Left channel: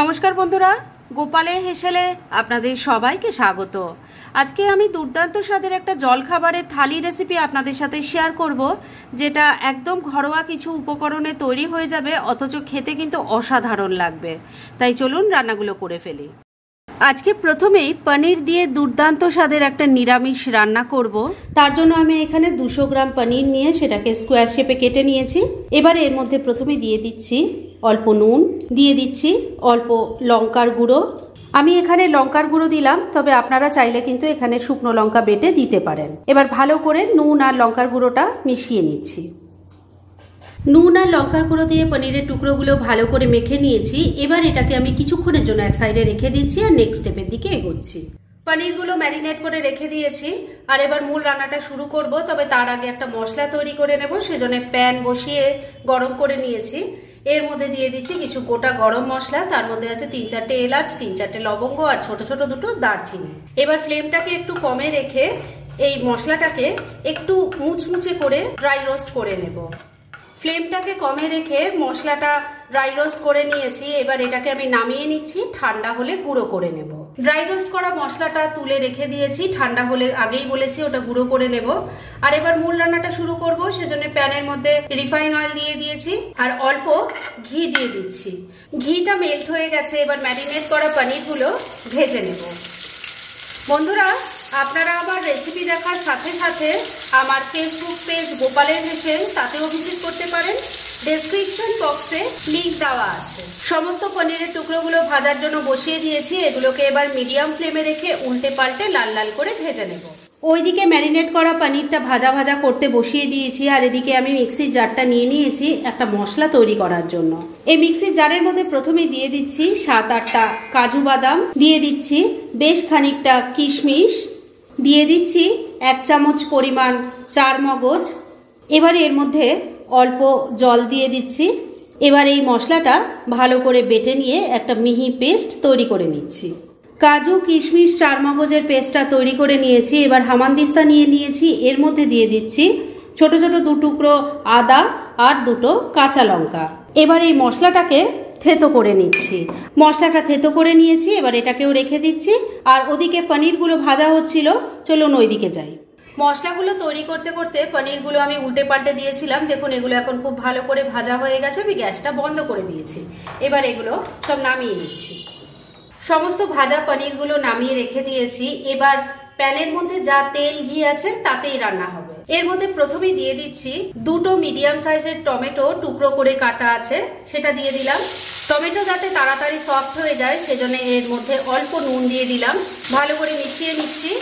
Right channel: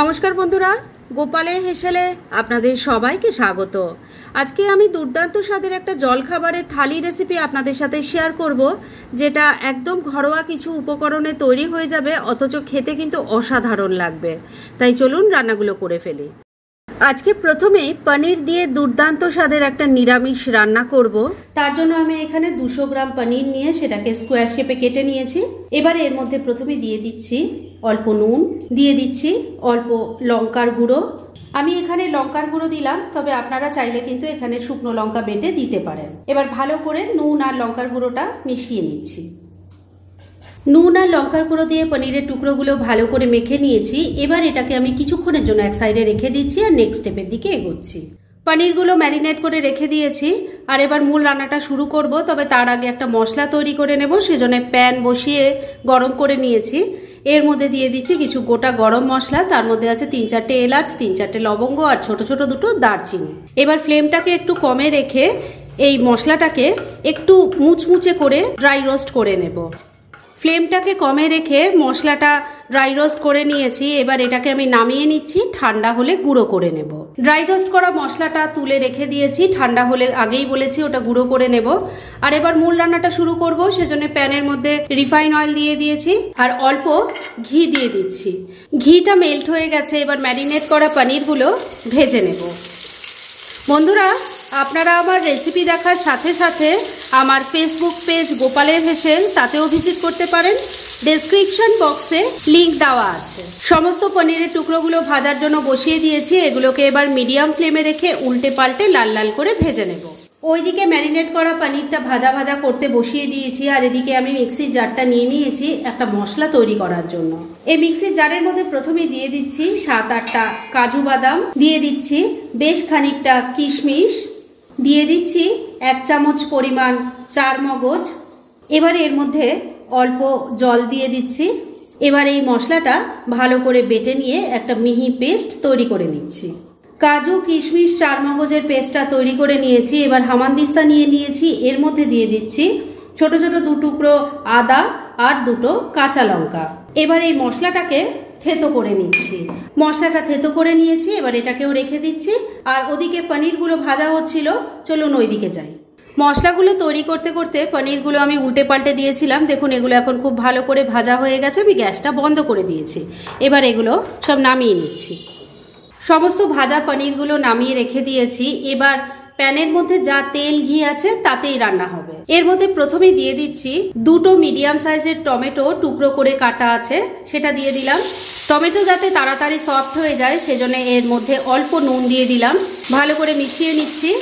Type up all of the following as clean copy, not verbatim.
নমস্কার বন্ধুরা, গোপালের হেসেলে আপনাদের সবাইকে স্বাগত। আজকে আমি দুর্দান্ত স্বাদের একটা জলখাবারের থালি রেসিপি আপনাদের সাথে শেয়ার করব, যেটা একদম ঘরোয়া কিছু উপকরণে তৈরি হয়ে যাবে, অথচ খেতে কিন্তু অসাধারণ লাগবে। তাই চলুন রান্নাগুলো করে ফেলি। আজকে প্রথমেই পনির দিয়ে দুর্দান্ত স্বাদের একটা নিরামিষ রান্না করব। তার জন্য আমি এখানে 200 গ্রাম পনির নিয়ে সেটাকে স্কোয়ার শেপে কেটে নিয়েছি। এবারে এর মধ্যে প্রথমে দিয়ে দিচ্ছি অল্প নুন, দিয়ে দিচ্ছি অল্প লঙ্কার গুঁড়ো। আমি এখানে লঙ্কার গুঁড়ো দিলাম, তবে আপনারা চাইলে কিন্তু এখানে শুকনো লঙ্কা বেটে দিতে পারেন। এবার ভালো করে নুন আর লঙ্কার গুঁড়োটা মিশিয়ে নিচ্ছি। নুন আর লঙ্কার গুঁড়ো দিয়ে পনিরের টুকরোগুলো ভালো করে মেখে নিয়েছি। এবার এটাকে আমি কিছুক্ষণের জন্য এক সাইডে রেখে দিচ্ছি আর নেক্সট স্টেপের দিকে এগোচ্ছি। পনিরগুলো ম্যারিনেট করে রেখে দিয়েছি আর এবার মূল রান্নাটা শুরু করব। তবে তার আগে একটা মশলা তৈরি করে নেব, সেজন্য প্যান বসিয়ে গরম করে নিয়েছি। এর মধ্যে দিয়ে দিচ্ছি কিছু গোটা গরম মশলা, তার মধ্যে আছে 3-4টে এলাচ, 3-4টে লবঙ্গ আর ছোট ছোট দুটো দারচিনি। এবার ফ্লেমটাকে একটু কমে রেখে এই মশলাটাকে একটু মুচমুচে করে ড্রাই রোস্ট করে নেব। ফ্লেমটাকে কমে রেখে মশলাটা ড্রাই রোস্ট করে নিয়েছি। এবার এটাকে আমি নামিয়ে নিচ্ছি, ঠান্ডা হলে গুঁড়ো করে নেব। ড্রাই রোস্ট করা মশলাটা তুলে রেখে দিয়েছি, ঠান্ডা হলে আগেই বলেছি ওটা গুঁড়ো করে নেব। আর এবার মূল রান্নাটা শুরু করব, সেজন্য প্যানের মধ্যে রিফাইন অয়েল দিয়ে দিয়েছি আর অল্প ঘি দিয়ে দিচ্ছি। ঘিটা মেল্ট হয়ে গেছে, এবার ম্যারিনেট করা পনিরগুলো ভেজে নেব। বন্ধুরা, আপনারা আমার রেসিপি দেখার সাথে সাথে আমার ফেসবুক পেজ গোপালের হেসেল, তাতেও ভিজিট করতে পারেন। ডেসক্রিপশন বক্সে লিংক দেওয়া আছে। সমস্ত পনিরের টুকরোগুলো ভাজার জন্য বসিয়ে দিয়েছি। এগুলোকে এবার মিডিয়াম ফ্লেমে রেখে উল্টে পাল্টে লাল লাল করে ভেজে নেব। ওইদিকে ম্যারিনেট করা পনিরটা ভাজা ভাজা করতে বসিয়ে দিয়েছি আর এদিকে আমি মিক্সির জারটা নিয়ে নিয়েছি একটা মশলা তৈরি করার জন্য। এই মিক্সির জারের মধ্যে প্রথমেই দিয়ে দিচ্ছি 7-8টা কাজু বাদাম, দিয়ে দিচ্ছি বেশ খানিকটা কিশমিশ, দিয়ে দিচ্ছি 1 চামচ পরিমাণ চারমগজ। এবার এর মধ্যে অল্প জল দিয়ে দিচ্ছি। এবার এই মশলাটা ভালো করে বেটে নিয়ে একটা মিহি পেস্ট তৈরি করে নিচ্ছি। কাজু, কিশমিশ, চারমগজের পেস্টটা তৈরি করে নিয়েছি। এবার হামানদিস্তা নিয়ে নিয়েছি, এর মধ্যে দিয়ে দিচ্ছি ছোট ছোট 2 টুকরো আদা আর 2টো কাঁচা লঙ্কা। এবার এই মশলাটাকে থেতো করে নিচ্ছি। মশলাটা থেতো করে নিয়েছি, এবার এটাকেও রেখে দিচ্ছি। আর ওদিকে পনিরগুলো ভাজা হচ্ছিল, চলুন ওইদিকে যাই। মশলাগুলো তৈরি করতে করতে পনিরগুলো আমি উল্টে পাল্টে দিয়েছিলাম। দেখুন এগুলো এখন খুব ভালো করে ভাজা হয়ে গেছে। আমি গ্যাসটা বন্ধ করে দিয়েছি। এবার এগুলো সব নামিয়ে নিচ্ছি। সমস্ত ভাজা পনিরগুলো নামিয়ে রেখে দিয়েছি। এবার প্যানের মধ্যে যা তেল ঘি আছে তাতেই রান্না হবে। এর মধ্যে প্রথমেই দিয়ে দিচ্ছি 2টো মিডিয়াম সাইজের টমেটো টুকরো করে কাটা আছে, সেটা দিয়ে দিলাম। টমেটো যাতে তাড়াতাড়ি সফট হয়ে যায় সেজন্য এর মধ্যে অল্প নুন দিয়ে দিলাম। ভালো করে মিশিয়ে নিচ্ছি।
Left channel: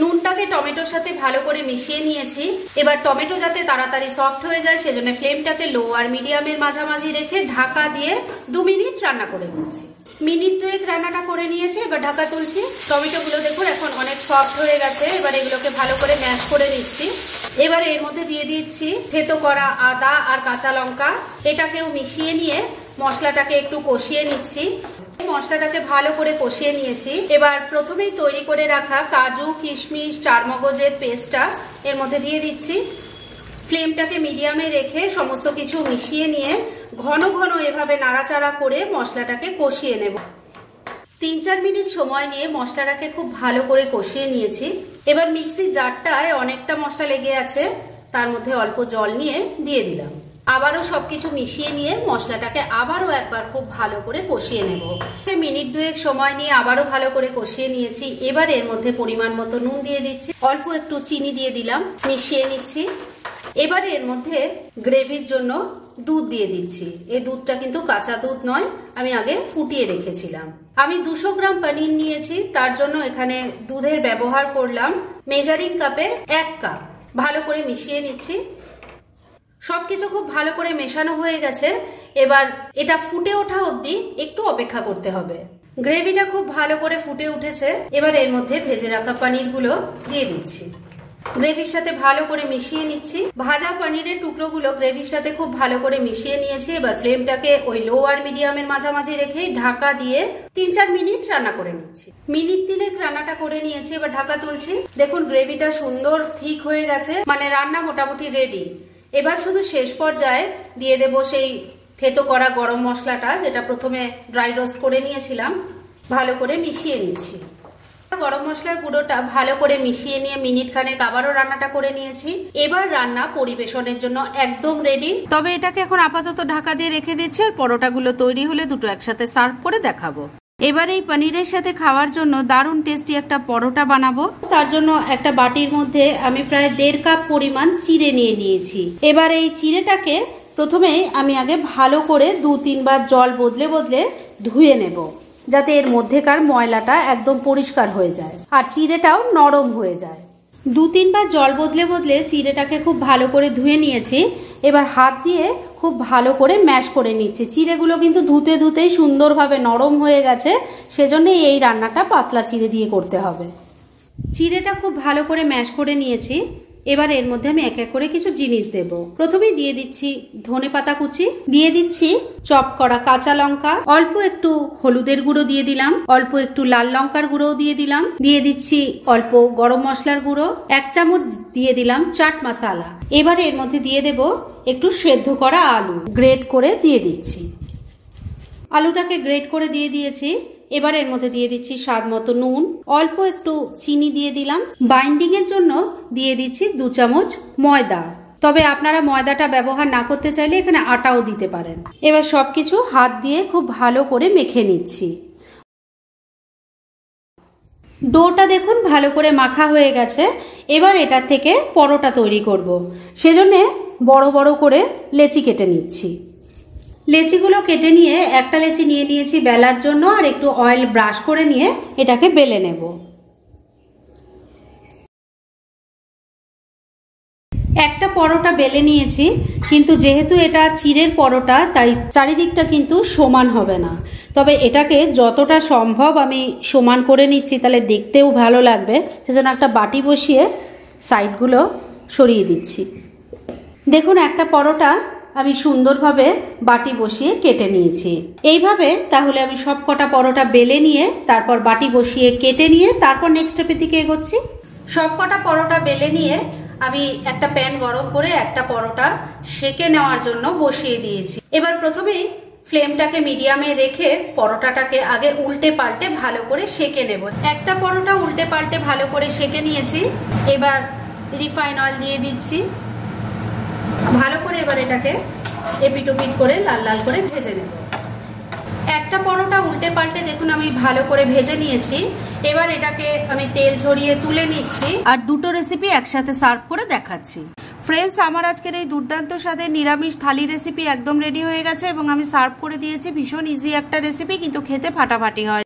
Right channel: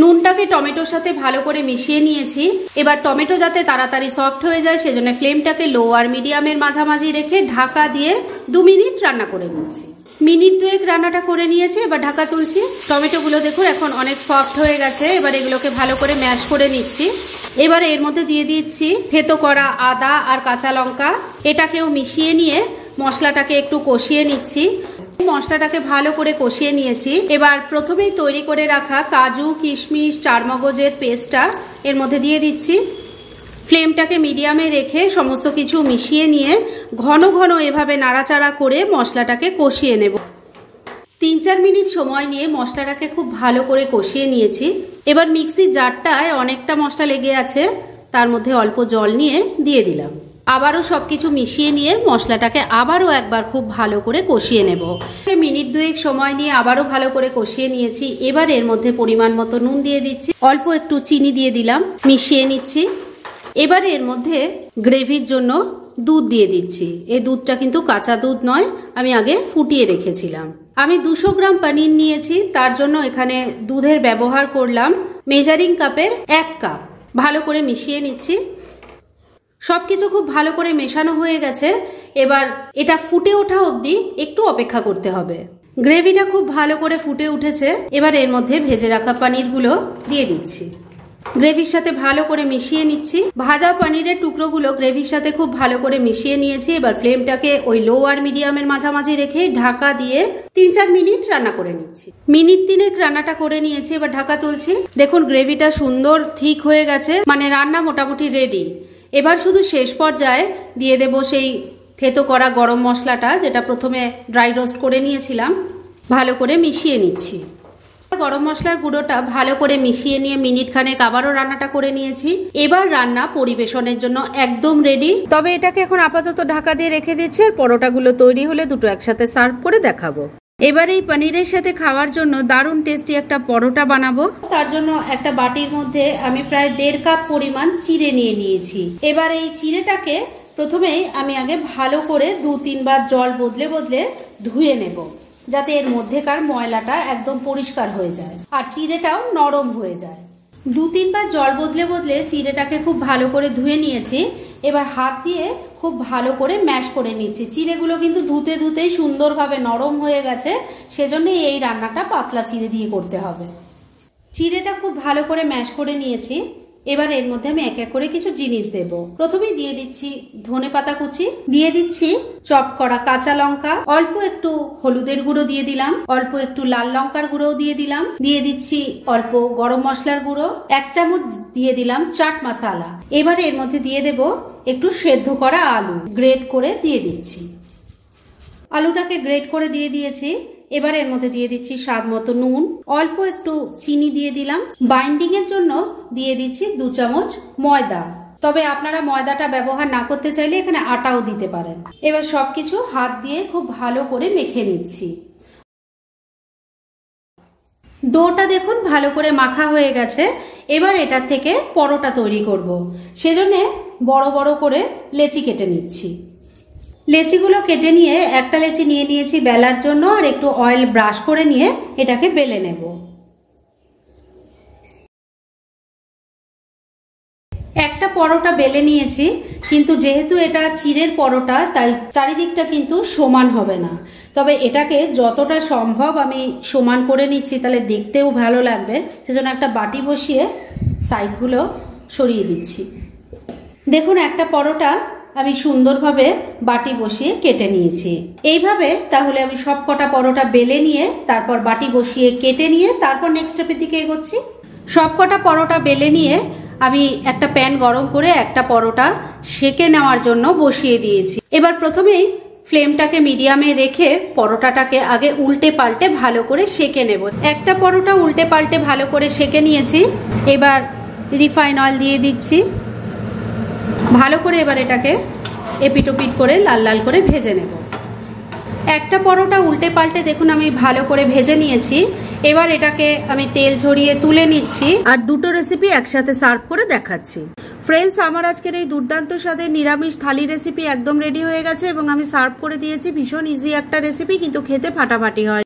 নুনটাকে টমেটোর সাথে ভালো করে মিশিয়ে নিয়েছি। এবার টমেটো যাতে তাড়াতাড়ি সফট হয়ে যায় সেজন্য ফ্লেমটাকে লো আর মিডিয়ামের মাঝামাঝি রেখে ঢাকা দিয়ে 2 মিনিট রান্না করে নিচ্ছি। মিনিট 2 রান্নাটা করে নিয়েছি, এবার ঢাকা তুলছি। টমেটোগুলো দেখুন এখন অনেক সফট হয়ে গেছে। এবার এগুলোকে ভালো করে ম্যাশ করে নিচ্ছি। এবার এর মধ্যে দিয়ে দিচ্ছি থেতো করা আদা আর কাঁচা লঙ্কা। এটাকেও মিশিয়ে নিয়ে মশলাটাকে একটু কষিয়ে নিচ্ছি। মশলাটাকে ভালো করে কষিয়ে নিয়েছি। এবার প্রথমেই তৈরি করে রাখা কাজু, কিশমিশ, চারমগজের পেস্টটা এর মধ্যে দিয়ে দিচ্ছি। ফ্লেমটাকে মিডিয়ামে রেখে সমস্ত কিছু মিশিয়ে নিয়ে ঘন ঘন এভাবে নাড়াচাড়া করে মশলাটাকে কষিয়ে নেব। 3-4 মিনিট সময় নিয়ে মশলাটাকে খুব ভালো করে কষিয়ে নিয়েছি। এবার মিক্সির জারটায় অনেকটা মশলা লেগে আছে, তার মধ্যে অল্প জল নিয়ে দিয়ে দিলাম। আবারও সবকিছু মিশিয়ে নিয়ে মশলাটাকে আবারও একবার খুব ভালো করে কষিয়ে নেব। মিনিট 2 সময় নিয়ে আবারও ভালো করে কষিয়ে নিয়েছি। এবার এর মধ্যে পরিমাণ মতো নুন দিয়ে দিচ্ছি, অল্প একটু চিনি দিয়ে দিলাম, মিশিয়ে নিচ্ছি। এবার এর মধ্যে গ্রেভির জন্য দুধ দিয়ে দিচ্ছি। এই দুধটা কিন্তু কাঁচা দুধ নয়, আমি আগে ফুটিয়ে রেখেছিলাম। আমি 200 গ্রাম পনির নিয়েছি, তার জন্য এখানে দুধের ব্যবহার করলাম মেজারিং কাপের 1 কাপ। ভালো করে মিশিয়ে নিচ্ছি। সবকিছু খুব ভালো করে মেশানো হয়ে গেছে। এবার এটা ফুটে ওঠা অবধি একটু অপেক্ষা করতে হবে। গ্রেভিটা খুব ভালো করে ফুটে উঠেছে। এবার এর মধ্যে ভেজে রাখা পনিরগুলো দিয়ে দিচ্ছি। গ্রেভির সাথে ভালো করে মিশিয়ে নিচ্ছি। ভাজা পনিরের টুকরোগুলো গ্রেভির সাথে খুব ভালো করে মিশিয়ে নিয়েছি। এবার ফ্লেমটাকে ওই লো আর মিডিয়ামের মাঝামাঝি রেখে ঢাকা দিয়ে 3-4 মিনিট রান্না করে নিচ্ছি। মিনিট 3 রান্নাটা করে নিয়েছি, এবার ঢাকা তুলছি। দেখুন গ্রেভিটা সুন্দর থিক হয়ে গেছে, মানে রান্না মোটামুটি রেডি। এবার শুধু শেষ পর্যায়ে দিয়ে দেব সেই থেতো করা গরম মশলাটা, যেটা প্রথমে ড্রাই রোস্ট করে নিয়েছিলাম, ভালো করে মিশিয়ে নিচ্ছি। গরম মশলার গুঁড়োটা ভালো করে মিশিয়ে নিয়ে মিনিট খানেক আবারও রান্নাটা করে নিয়েছি। এবার রান্না পরিবেশনের জন্য একদম রেডি। তবে এটাকে এখন আপাতত ঢাকা দিয়ে রেখে দিচ্ছি, আর পরোটাগুলো তৈরি হলে দুটো একসাথে সার্ভ করে দেখাবো। এবার এই পনিরের সাথে খাওয়ার জন্য দারুণ টেস্টি একটা পরোটা বানাবো। তার জন্য একটা বাটির মধ্যে আমি প্রায় 1.5 কাপ পরিমাণ চিড়ে নিয়ে নিয়েছি। এবার এই চিড়েটাকে প্রথমে আমি আগে ভালো করে 2-3 বার জল বদলে বদলে ধুয়ে নেব, যাতে এর মধ্যেকার ময়লাটা একদম পরিষ্কার হয়ে যায় আর চিড়েটাও নরম হয়ে যায়। 2-3 বার জল বদলে বদলে চিড়েটাকে খুব ভালো করে ধুয়ে নিয়েছি। এবার হাত দিয়ে খুব ভালো করে ম্যাশ করে নিচ্ছি। চিড়েগুলো কিন্তু ধুতে ধুতেই সুন্দরভাবে নরম হয়ে গেছে, সেজন্য এই রান্নাটা পাতলা চিড়ে দিয়ে করতে হবে। চিড়েটা খুব ভালো করে ম্যাশ করে নিয়েছি। এবার এর মধ্যে আমি এক এক করে কিছু জিনিস দেব। প্রথমেই দিয়ে দিচ্ছি ধনেপাতা কুচি, দিয়ে দিচ্ছি চপ করা কাঁচা লঙ্কা, অল্প একটু হলুদের গুঁড়ো দিয়ে দিলাম, অল্প একটু লাল লঙ্কার গুঁড়োও দিয়ে দিলাম, দিয়ে দিচ্ছি অল্প গরম মশলার গুঁড়ো, 1 চামচ দিয়ে দিলাম চাট মশলা। এবার এর মধ্যে দিয়ে দেব একটু সেদ্ধ করা আলু, গ্রেট করে দিয়ে দিচ্ছি। আলুটাকে গ্রেট করে দিয়ে দিয়েছি। এবার এর মধ্যে দিয়ে দিচ্ছি স্বাদ মতো নুন, অল্প একটু চিনি দিয়ে দিলাম। বাইন্ডিং এর জন্য দিয়ে দিচ্ছি 2 চামচ ময়দা, তবে আপনারা ময়দাটা ব্যবহার না করতে চাইলে এখানে আটাও দিতে পারেন। এবার সবকিছু হাত দিয়ে খুব ভালো করে মেখে নিচ্ছি। ডোটা দেখুন ভালো করে মাখা হয়ে গেছে। এবার এটার থেকে পরোটা তৈরি করব, সেজন্য বড় বড় করে লেচি কেটে নিচ্ছি। লেচিগুলো কেটে নিয়ে একটা লেচি নিয়ে নিয়েছি বেলার জন্য, আর একটু অয়েল ব্রাশ করে নিয়ে এটাকে বেলে নেব। একটা পরোটা বেলে নিয়েছি, কিন্তু যেহেতু এটা চিড়ের পরোটা তাই চারিদিকটা কিন্তু সমান হবে না। তবে এটাকে যতটা সম্ভব আমি সমান করে নিচ্ছি, তাহলে দেখতেও ভালো লাগবে। সেজন্য একটা বাটি বসিয়ে সাইডগুলো সরিয়ে দিচ্ছি। দেখুন একটা পরোটা আমি সুন্দরভাবে বাটি বসিয়ে কেটে নিয়েছি। এইভাবে তাহলে আমি সব কটা পরোটা বেলে নিয়ে তারপর বাটি বসিয়ে কেটে নিয়ে তারপর নেক্সট স্টেপের দিকে এগোচ্ছি। সব কটা পরোটা বেলে নিয়ে আমি একটা প্যান গরম করে একটা পরোটা সেকে নেওয়ার জন্য বসিয়ে দিয়েছি। এবার প্রথমেই ফ্লেমটাকে মিডিয়ামে রেখে পরোটাটাকে আগে উল্টে পাল্টে ভালো করে সেকে নেব। একটা পরোটা উল্টে পাল্টে ভালো করে সেকে নিয়েছি। এবার রিফাইন অয়েল দিয়ে দিচ্ছি। ভালো করে এবার এটাকে এপিট ওপিট করে লাল লাল করে ভেজে নেব। একটা পরোটা উল্টে পাল্টে দেখুন আমি ভালো করে ভেজে নিয়েছি। এবার এটাকে আমি তেল ঝরিয়ে তুলে নিচ্ছি, আর দুটো রেসিপি একসাথে সার্ভ করে দেখাচ্ছি। ফ্রেন্ডস, আমার আজকের এই দুর্দান্ত স্বাদের নিরামিষ থালি রেসিপি একদম রেডি হয়ে গেছে এবং আমি সার্ভ করে দিয়েছি। ভীষণ ইজি একটা রেসিপি, কিন্তু খেতে ফাটাফাটি হয়।